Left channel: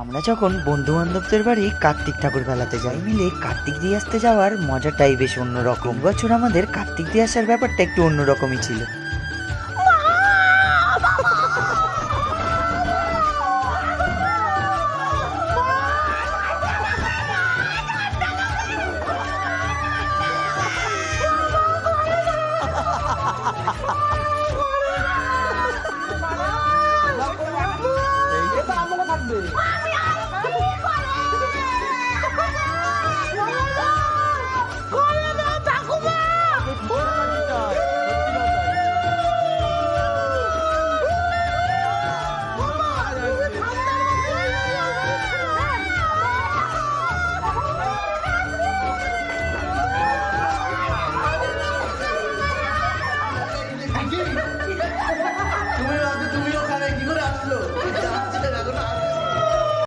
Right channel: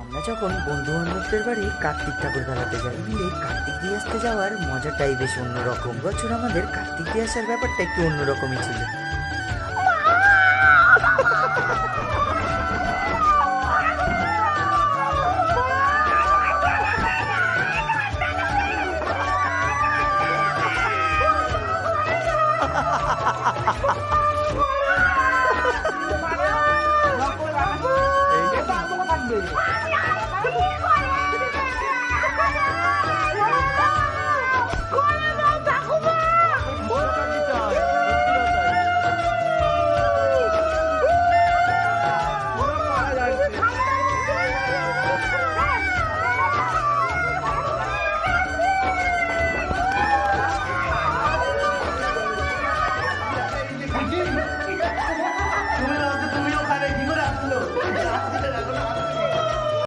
আমরা যখন বন্ধু বান্ধবদের বাড়ি কার্তিক ঠাকুর ফেলাতে যাই মিলে কার্তিক দিয়ে আসতে যাওয়ার মজাটাই বেশ অন্যরকম। বছর আমাদের কার্তিক দিয়ে আসার ব্যাপারটা একটু অন্যরকমই ছিল।